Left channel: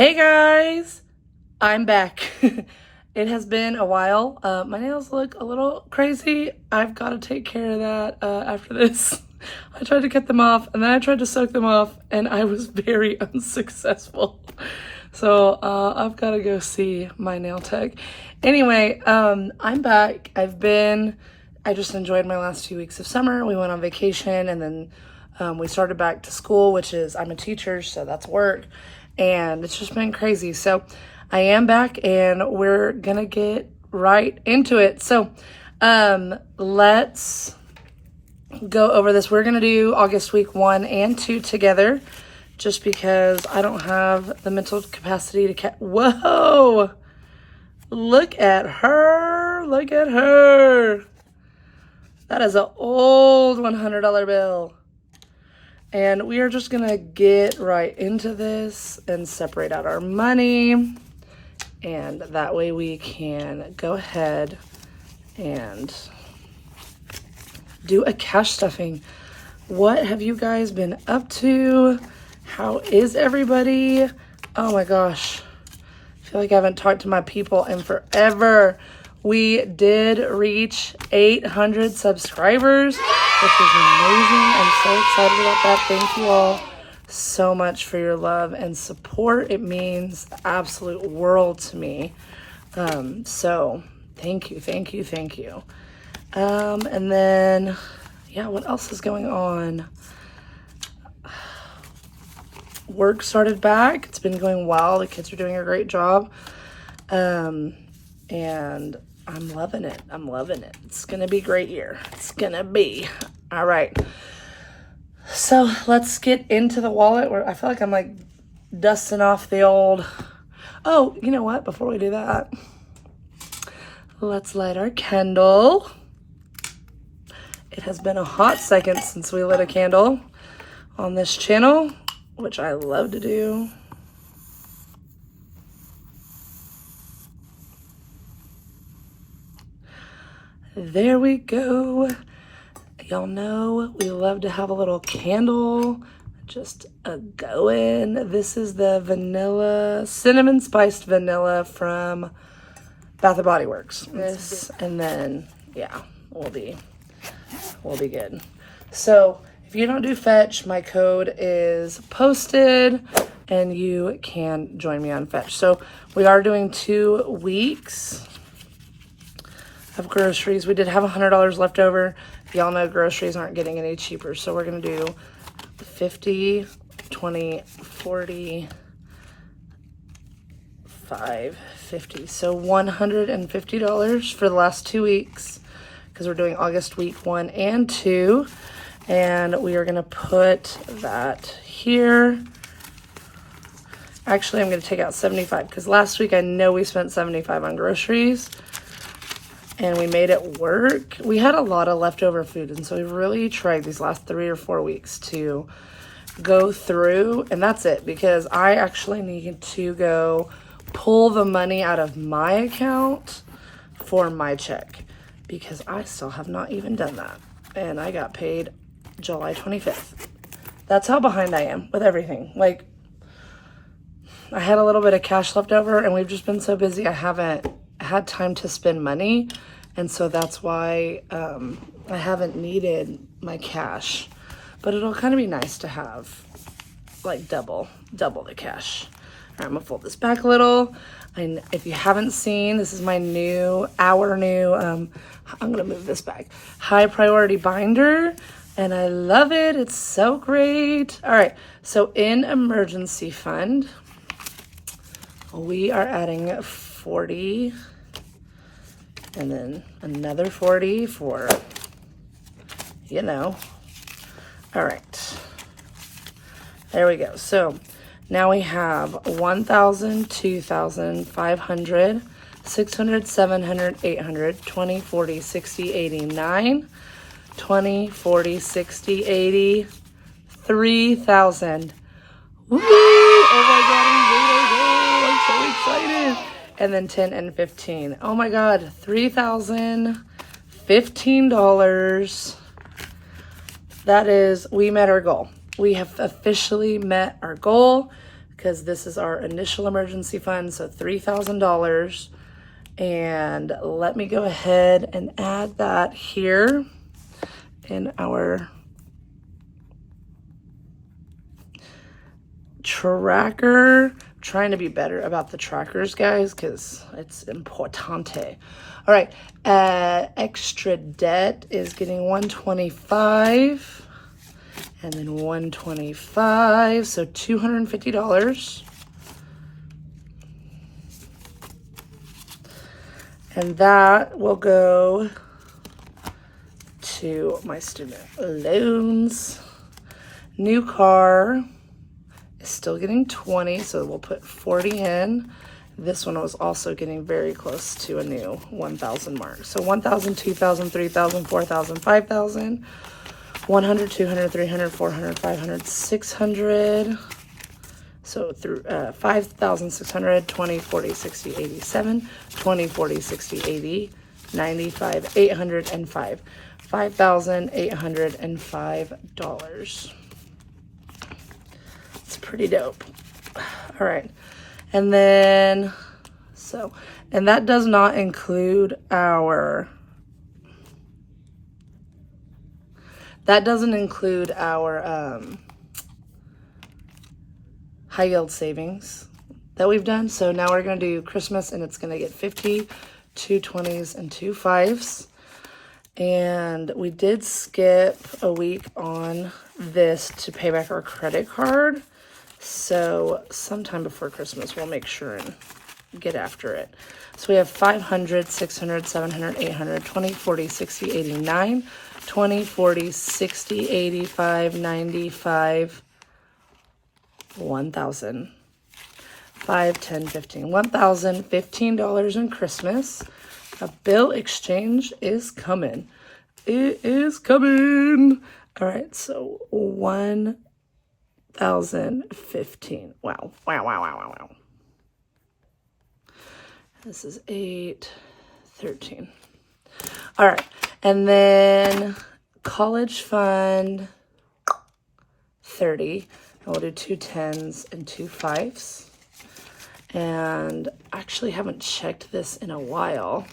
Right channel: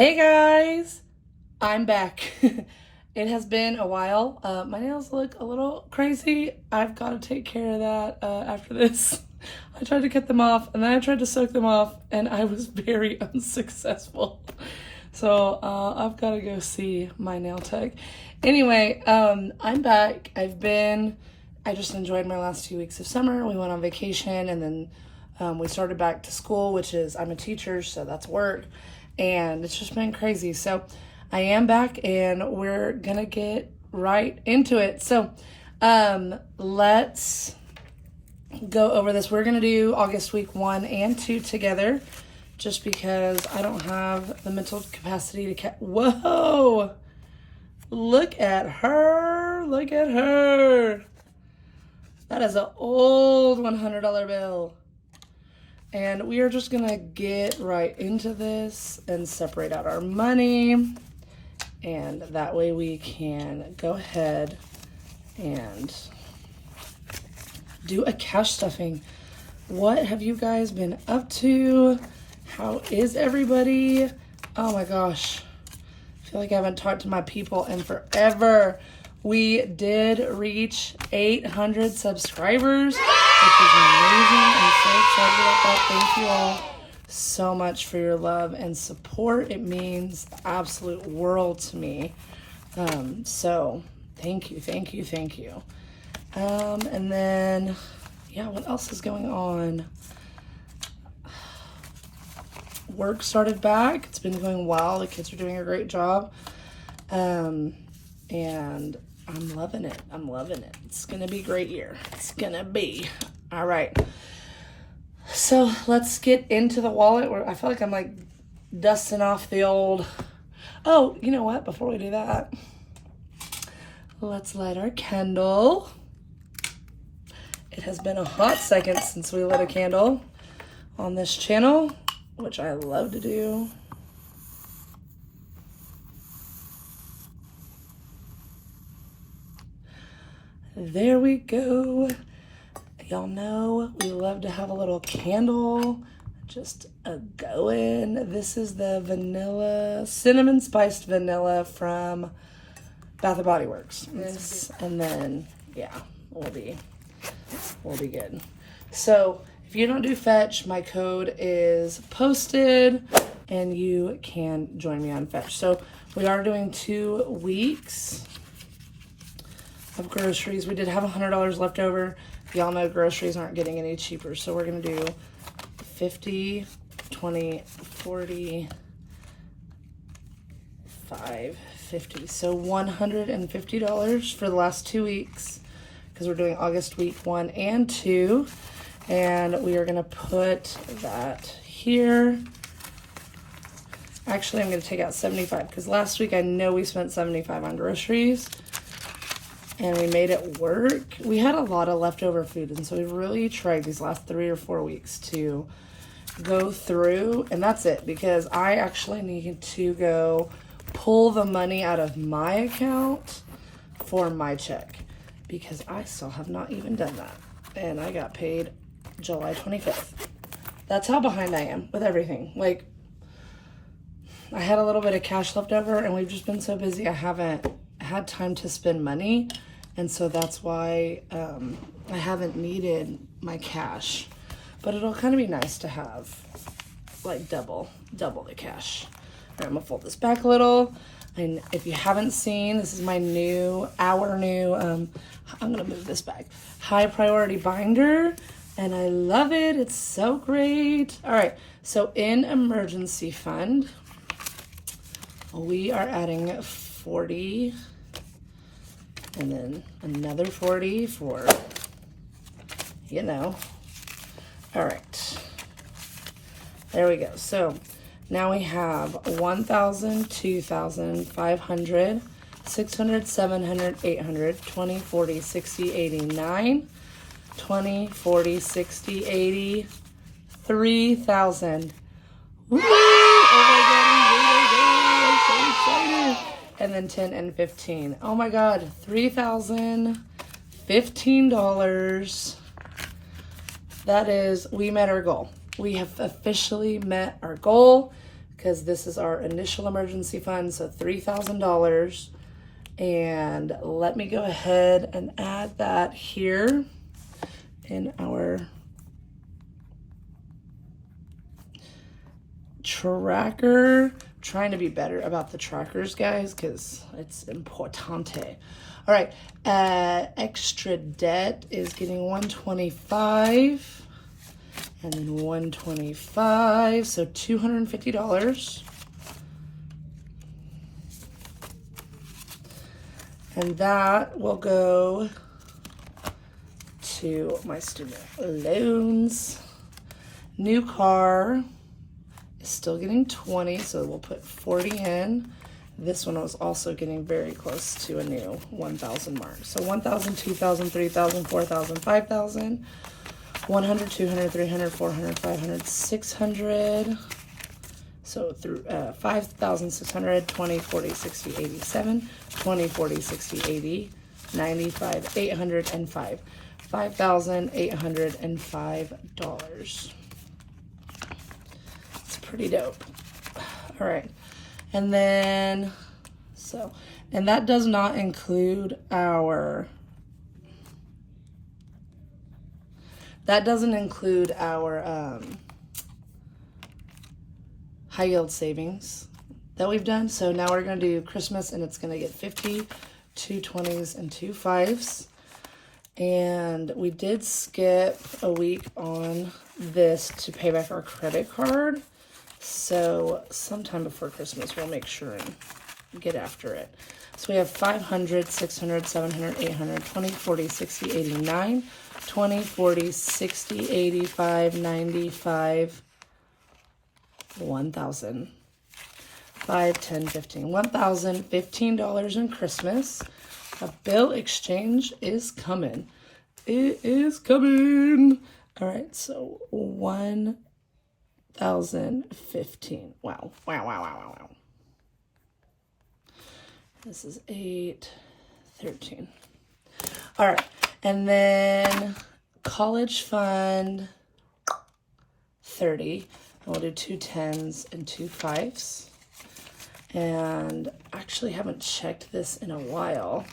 Hey guys, I'm back. It has been a while. My nails look a little crazy. I've got to take care of that after this. I tried to cut them off and then I tried to soak them off and I was very unsuccessful. So I've got to go see my nail tech. Anyway, I'm back. I just enjoyed my last 2 weeks of summer. We went on vacation and then we started back to school, which is, I'm a teacher, so that's work. And it's just been crazy. So I am back and we're gonna get right into it. So let's go over this. We're gonna do August week 1 and 2 together just because I don't have the mental capacity to whoa, look at her, look at her. That is an old $100 bill. And we are just gonna get right into this and separate out our money. And that way we can go ahead and do a cash stuffing. What have you guys been up to? How is everybody? Oh my gosh. I feel like I haven't talked to my people in forever. We did reach 800 subscribers, which is amazing. I'm so excited about that. Thank you all so much for your love and support. It means the absolute world to me. So thank you, thank you, thank you. And then, yeah, what else is going on? Work started back. It's been going well. The kids are doing a great job. And I'm loving it. I'm loving it. It's gonna be a great year. It's gonna be. All right. So let's get into the wallet where I feel like I'm like dusting off the old. Oh, you know what? Before we do that, let's light our candle. It has been a hot second since we lit a candle on this channel, which I love to do. There we go. Y'all know we love to have a little candle, just a going. This is the vanilla, cinnamon spiced vanilla from Bath and Body Works. This, and then, yeah, we'll be good. So if you don't do Fetch, my code is posted and you can join me on Fetch. So we are doing 2 weeks of groceries. We did have $100 left over. Y'all know groceries aren't getting any cheaper. So we're gonna do 50, 20, 40, 5, 50. So $150 for the last 2 weeks because we're doing August week 1 and 2. And we are gonna put that here. Actually, I'm gonna take out 75 because last week I know we spent 75 on groceries. And we made it work. We had a lot of leftover food, and so we've really tried these last 3 or 4 weeks to go through, and that's it, because I actually need to go pull the money out of my account for my check, because I still have not even done that, and I got paid July 25th. That's how behind I am with everything. Like, I had a little bit of cash left over, and we've just been so busy, I haven't had time to spend money. And so that's why I haven't needed my cash, but it'll kind of be nice to have like double the cash. All right, I'm gonna fold this back a little. And if you haven't seen, this is my our new, I'm gonna move this back, high priority binder. And I love it, it's so great. All right, so in emergency fund, we are adding 40, and then another 40 for, you know. All right, there we go. So now we have 1,000, 2,000, 500, 600, 700, 800, 20, 40, 60, 80, 9, 20, 40, 60, 80, 3,000. Woo! Oh my God, I'm so excited. And then 10 and 15. Oh my God, $3,015. That is, we met our goal. We have officially met our goal because this is our initial emergency fund, so $3,000. And let me go ahead and add that here in our tracker. Trying to be better about the trackers, guys, because it's importante. All right, extra debt is getting 125, and then 125, so $250. And that will go to my student loans. New car is still getting 20, so we'll put 40 in. This one was also getting very close to a new 1,000 mark. So 1,000, 2,000, 3,000, 4,000, 5,000, 100, 200, 300, 400, 500, 600. So through 5,600, 20, 40, 60, 87, 20, 40, 60, 80, 95, 805. $5,805. It's pretty dope. All right. And then, and that does not include our, that doesn't include our high yield savings that we've done. So now we're going to do Christmas, and it's going to get 50, 2 20s, and 2 5s. And we did skip a week on this to pay back our credit card. So sometime before Christmas, we'll make sure and get after it. So we have 500, 600, 700, 800, 20, 40, 60, 89, 20, 40, 60, 85, 95, 1,000, 5, 10, 15, $1,015 in Christmas. A bill exchange is coming. It is coming. All right, so 1,015. Wow. This is 8, 13. All right, and then college fund, 30. And we'll do 2 10s and 2 5s. And I actually haven't checked this in a while.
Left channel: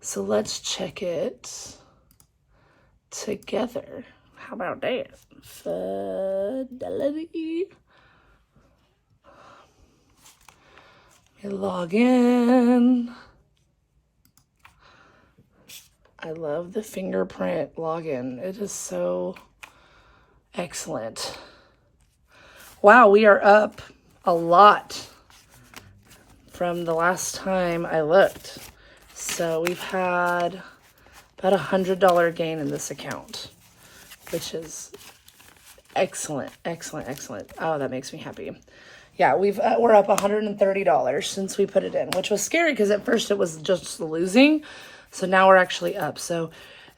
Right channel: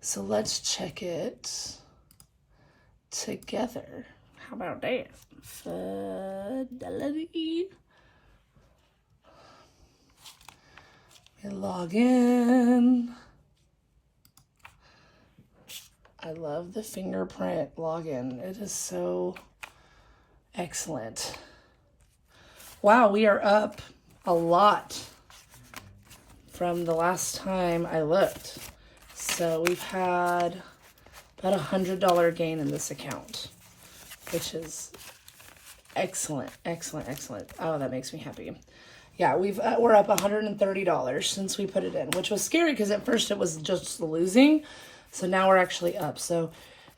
So let's check it together. How about that? Fidelity. Let me log in. I love the fingerprint login. It is so excellent. Wow, we are up a lot from the last time I looked. So we've had about $100 gain in this account, which is excellent. Oh, that makes me happy. Yeah, we're up $130 since we put it in, which was scary because at first it was just losing. So now we're actually up. So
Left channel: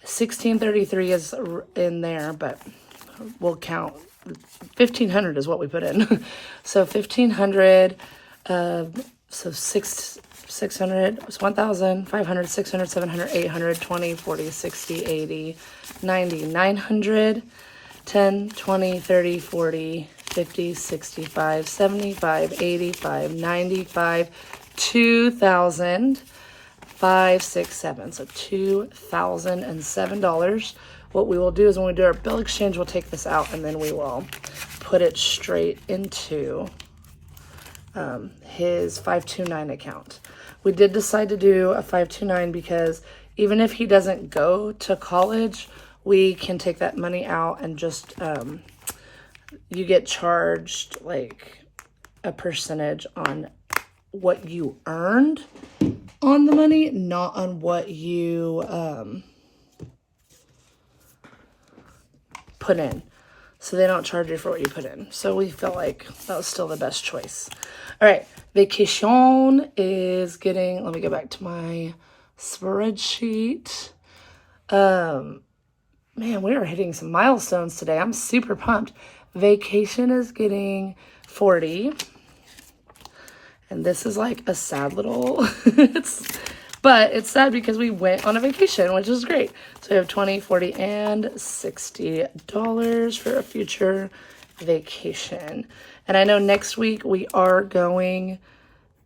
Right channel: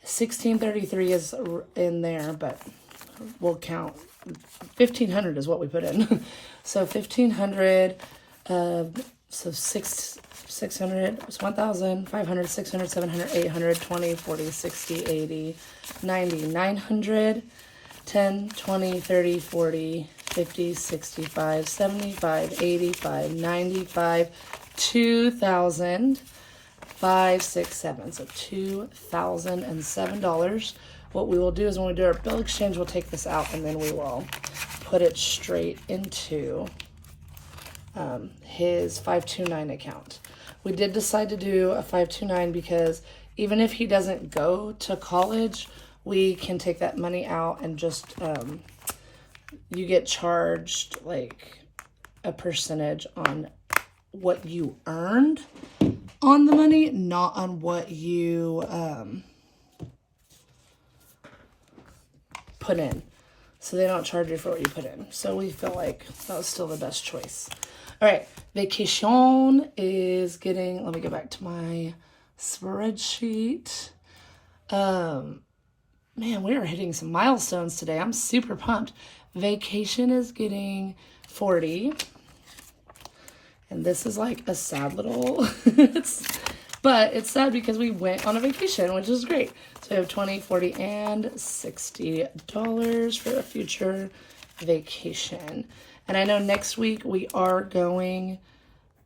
1633 is in there, but we'll count 1,500 is what we put in. So 1,500, so 600, it's 1,000, 500, 600, 700, 800, 20, 40, 60, 80, 90, 900, 10, 20, 30, 40, 50, 65, 75, 85, 95, 2,000, 5, 6, 7. So $2,007. What we will do is when we do our bill exchange, we'll take this out and then we will put it straight into his 529 account. We did decide to do a 529 because even if he doesn't go to college, we can take that money out and just, you get charged like a percentage on what you earned on the money, not on what you put in. So they don't charge you for what you put in. So we felt like that was still the best choice. All right, vacation is getting, let me go back to my spreadsheet. Man, we are hitting some milestones today. I'm super pumped. Vacation is getting 40. And this is like a sad little, but it's sad because we went on a vacation, which is great. So we have 20, 40, and $60 for a future vacation. And I know next week we are going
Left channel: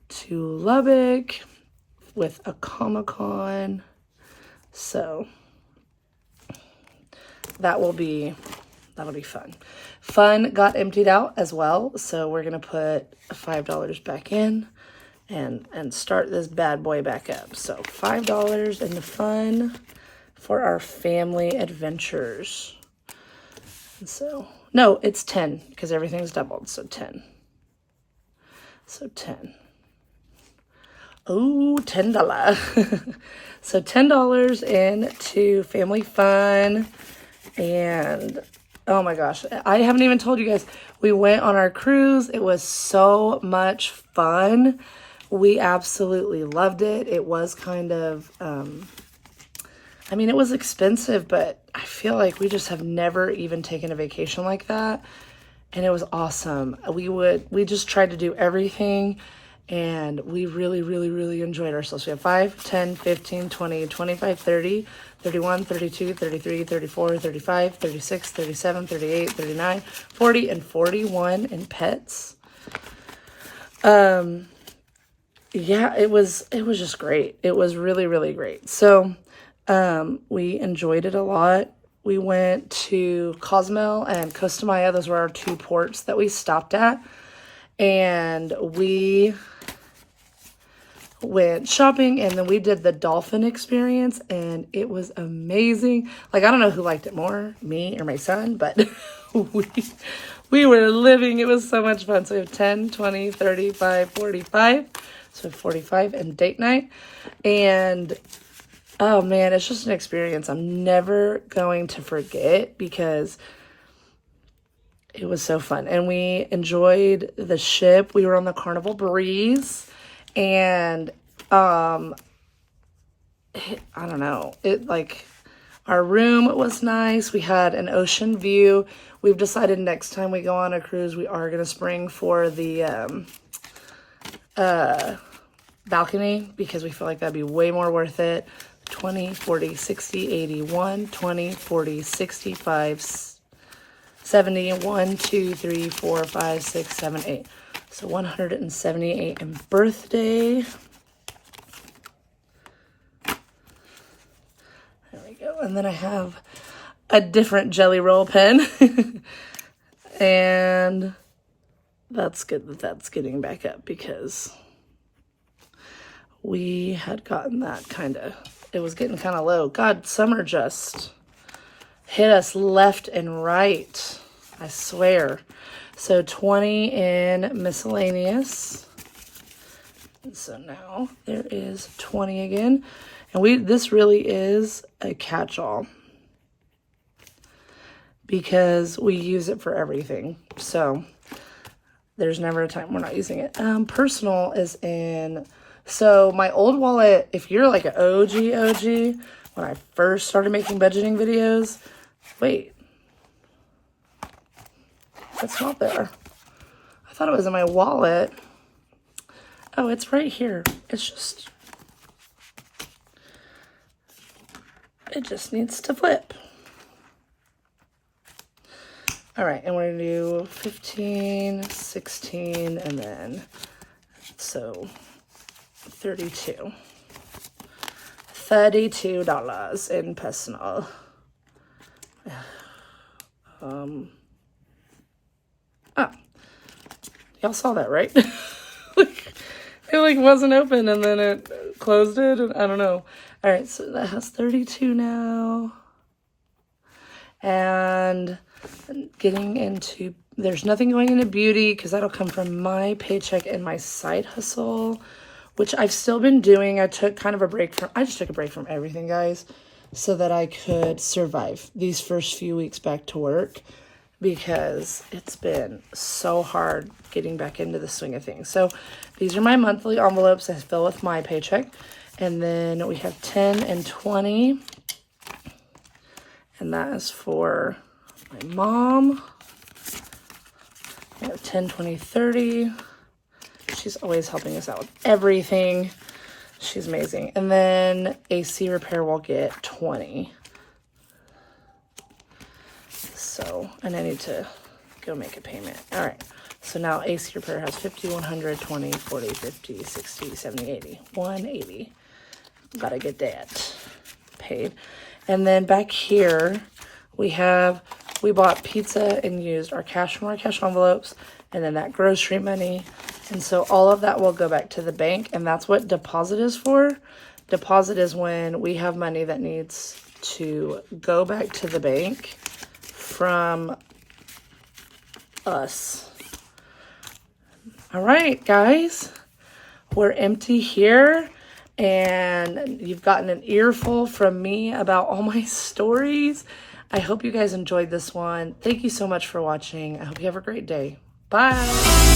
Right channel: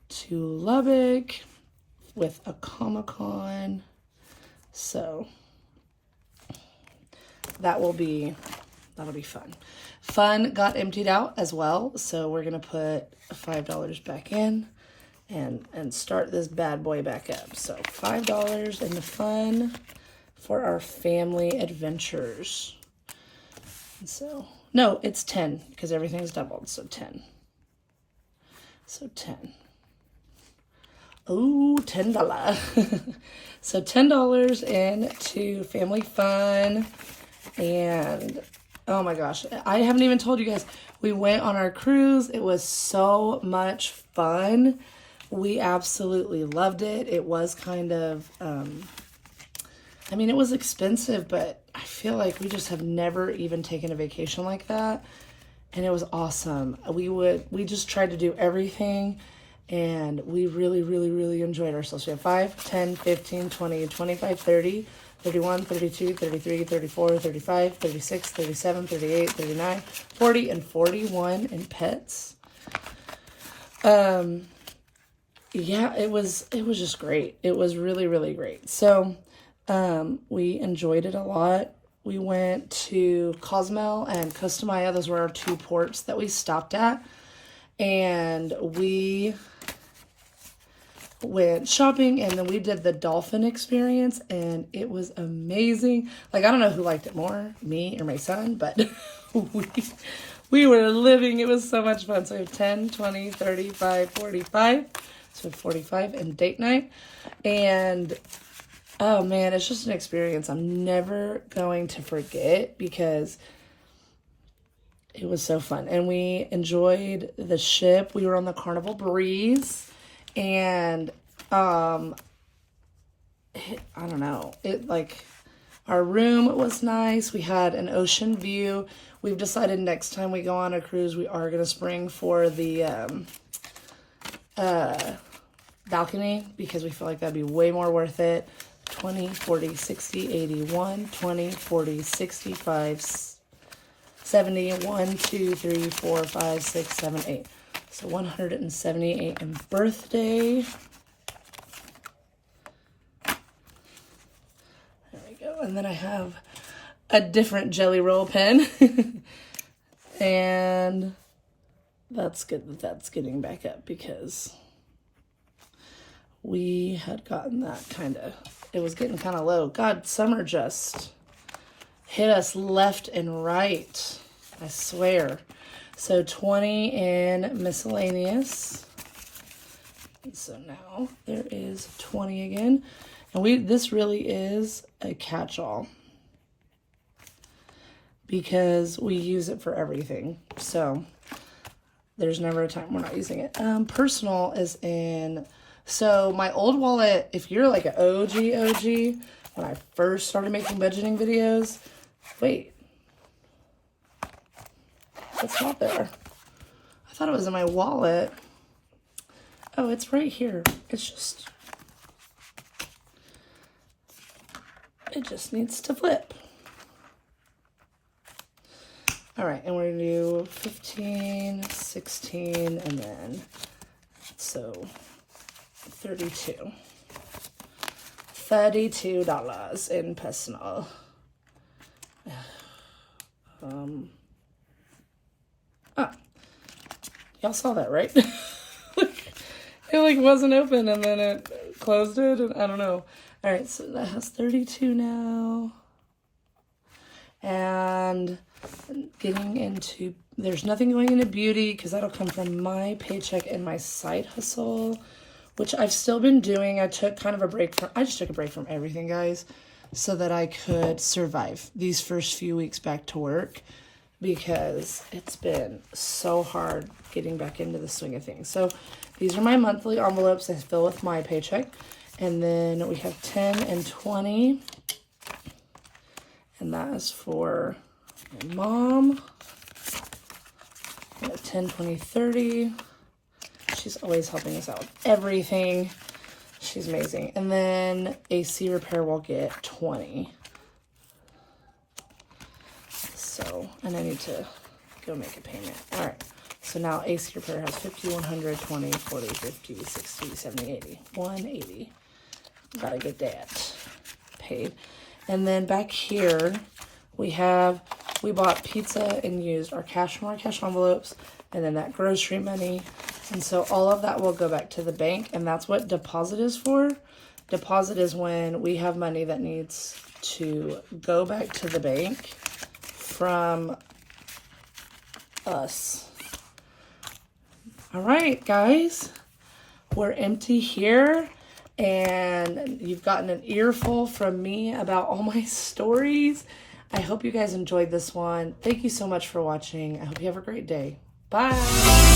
to Lubbock with a Comic-Con. So that'll be fun. Fun got emptied out as well. So we're going to put $5 back in and start this bad boy back up. So $5 in the fun for our family adventures. And so, no, it's 10 because everything's doubled. So 10. So 10. Oh, $10. So $10 into family fun. And oh my gosh, I haven't even told you guys, we went on our cruise. It was so much fun. We absolutely loved it. It was kind of, I mean, it was expensive, but I feel like we just have never even taken a vacation like that. And it was awesome. We just tried to do everything, and we really, really, really enjoyed ourselves. We have 5, 10, 15, 20, 25, 30, 31, 32, 33, 34, 35, 36, 37, 38, 39, 40, and 41 in pets. Yeah, it was just great. It was really, really great. So, we enjoyed it a lot. We went to Cozumel and Costa Maya. Those were our 2 ports that we stopped at. And we went shopping, and then we did the dolphin experience, and it was amazing. Like, I don't know who liked it more, me or my son, but we were living. It was so much fun. So we have 10, 20, 35, 45. So 45 and date night. And oh man, it's just an experience I'm never going to forget because it was so fun. And we enjoyed the ship. We were on the Carnival Breeze, and I don't know, our room was nice. We had an ocean view. We've decided next time we go on a cruise, we are going to spring for the balcony because we feel like that'd be way more worth it. 20, 40, 60, 80, 1, 20, 40, 65, 70, 1, 2, 3, 4, 5, 6, 7, 8. So 178 in birthday. There we go. And then I have a different Jelly Roll pen. And that's good that that's getting back up because we had gotten that it was getting kind of low. God, summer just hit us left and right, I swear. So 20 in miscellaneous. And so now there is 20 again. And this really is a catch-all because we use it for everything. So there's never a time we're not using it. Personal is in... So my old wallet, if you're like an OG, when I first started making budgeting videos, wait, it's not there. I thought it was in my wallet. Oh, it's right here. It just needs to flip. All right, and we're gonna do 15, 16, and then, so... $32 in personal. Y'all saw that, right? It wasn't open and then it closed it, and I don't know. All right, so that has 32 now. And getting into, there's nothing going into beauty because that'll come from my paycheck and my side hustle, which I've still been doing. I just took a break from everything, guys, so that I could survive these first few weeks back to work because it's been so hard getting back into the swing of things. So these are my monthly envelopes I fill with my paycheck. And then we have 10 and 20. And that is for my mom. We have 10, 20, 30. She's always helping us out with everything. She's amazing. And then AC repair will get 20. So, and I need to go make a payment. All right. So now AC Repair has 50, 100, 20, 40, 50, 60, 70, 80. 180. Gotta get that paid. And then back here, we bought pizza and used our cash from our cash envelopes and then that grocery money. And so all of that will go back to the bank, and that's what deposit is for. Deposit is when we have money that needs to go back to the bank from us. All right, guys, we're empty here, and you've gotten an earful from me about all my stories. I hope you guys enjoyed this one. Thank you so much for watching. I hope you have a great day. Bye.